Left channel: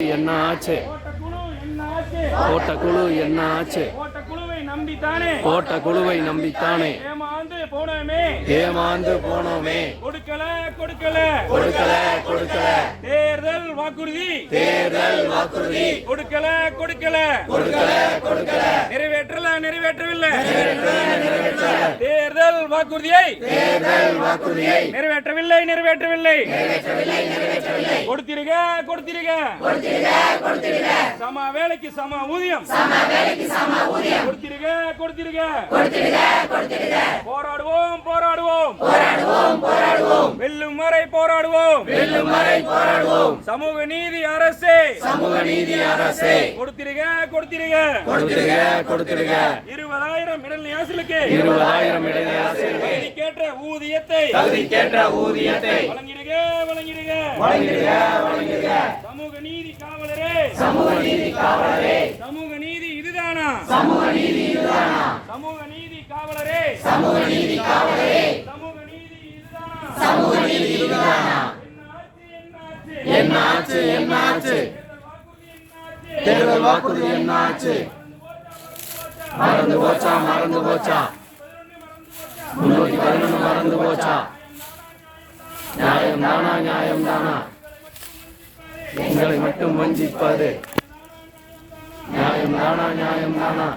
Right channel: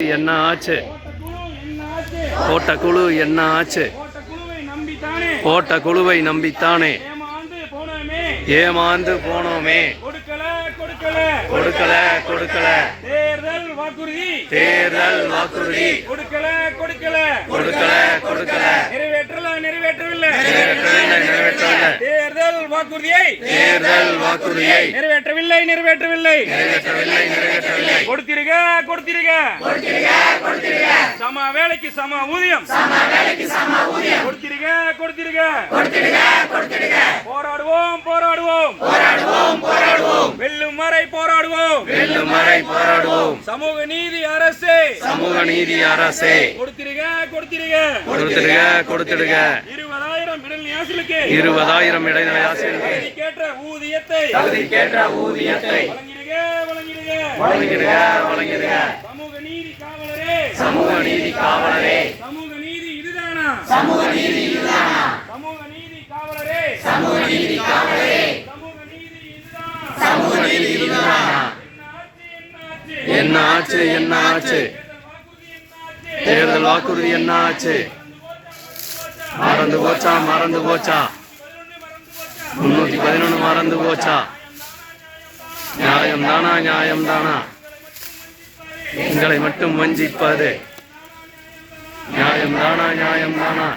என்ன ஆச்சு? போட்ட குழு என்ன ஆச்சு? போட்ட குழுவை நம்பித்தானே ஏமாந்து போனோமே. கொடுக்கல தேர்தல் வாக்குறுதி கொடுக்கல நிறைவேற்றவில்லை தேர்தல் வாக்குறுதியை நிறைவேற்றவில்லை கொடுத்திருக்க சம வேலைக்கு சம ஊதியம் கொடுத்திருக்க போராடுவோம் வெல்லும் வரை போராடுவோம் சமூக நீதி அரசே கொடுத்திருக்க 20,000 இடைநிலை ஆசிரியர்களுக்கு தகுதிக்கேற்ற ஊதியத்தை வழங்கிடுக. சமூக நீதி காவலரே சமூக நீதி இதுதானா என்ன ஆச்சு? தேர்தல் வாக்குறுதி என்ன ஆச்சு? மறந்து போச்சா 311 மறந்து போச்சா? நியாயம் தானா எங்களை மட்டும் வஞ்சிப்பது? நியாயம் தானா